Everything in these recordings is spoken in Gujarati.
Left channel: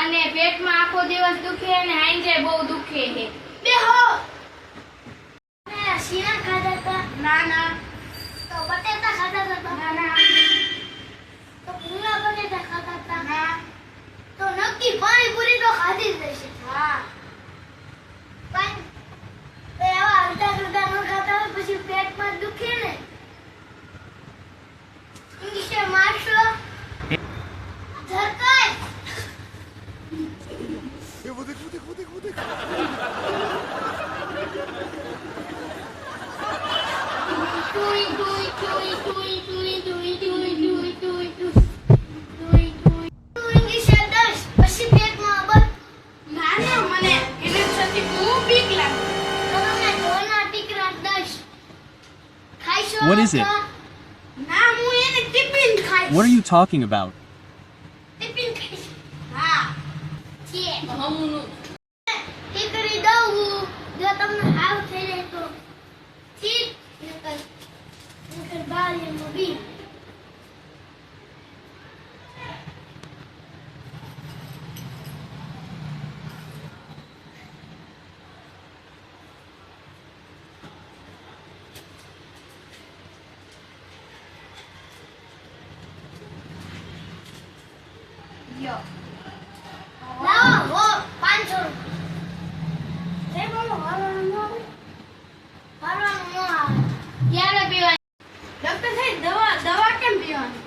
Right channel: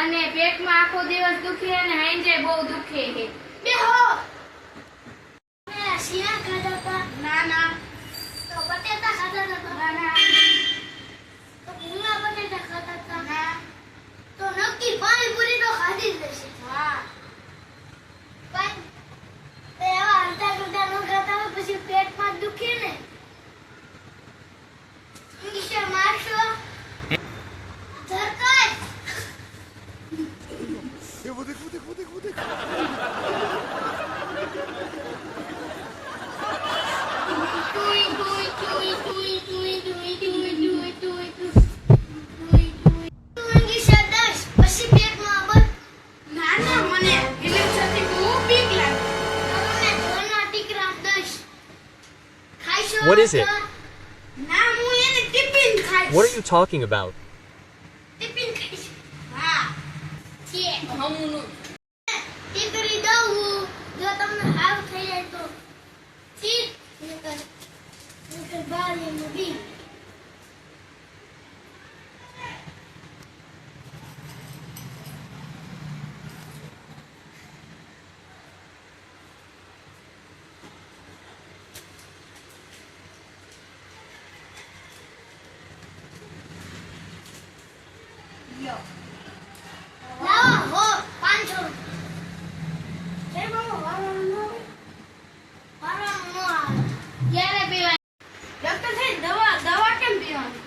અને પેટમાં આખો દિવસ દુખે અને હાંજે બહુ દુખે છે. બેહો. શીરા ખાધા હતા? ના ના. તો બટેટા ખાધા હતા? ના ના. તો ભૂંગળા બટેટા ખાધા હતા? ના. તો નક્કી પાણીપુરી તો ખાધી જ હશે. હા. પણ એવા અડધા અડધા ન ખાતા હોય પછી પેટમાં દુખે ને. ઇંગ્લિશ મારશો ધરકાય. Eu vou ter que. ટુઈ ટુઈ ટુઈ ટુઈ ટુઈ ટુઈ ટુઈ ટુઈ ટુઈ ટુઈ. ઇંગ્લિશ 10 પછી પેટમાં બસ. ના ના, મને ઇલેક્ટ્રિસિટી બહુ બીક લાગે. તો મને ડોના ટીકરા 10 ખાઈશો? What is it? ના, હું એને ટિફિન ખાઈશ. What are you talking about? Tiffin ખાઈશ. હા. છે હમનું. ટીકરી દઉં હું. જો તમને હાવ થઈ જાય તો ઠીક, નકર બારીનું બી. લ્યો. લાવો હો 500 રૂપિયા. જય બાબા, વાળવાનું ન આવે. ભરવાનું ન આવે. ક્યારે પીવાની? ડોક્ટર સાહેબ, દવા કેમ પીવાની?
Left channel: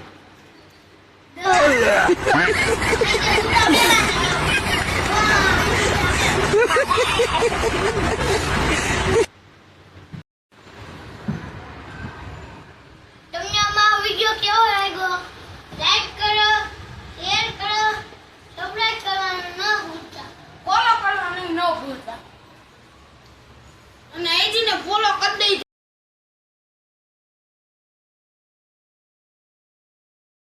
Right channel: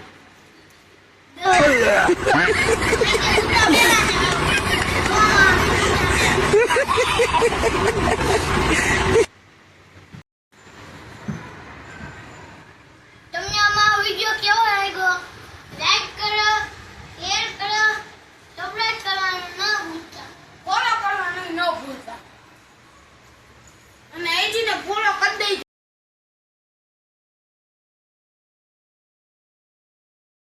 તમને અમારો વિડિયો કેવો લાગ્યો? લાઈક કરો, શેર કરો, સબસ્ક્રાઇબ કરવાનું ન ભૂલતા. ફોલો કરવાનું ન ભૂલતા. અને એજીને ફોલો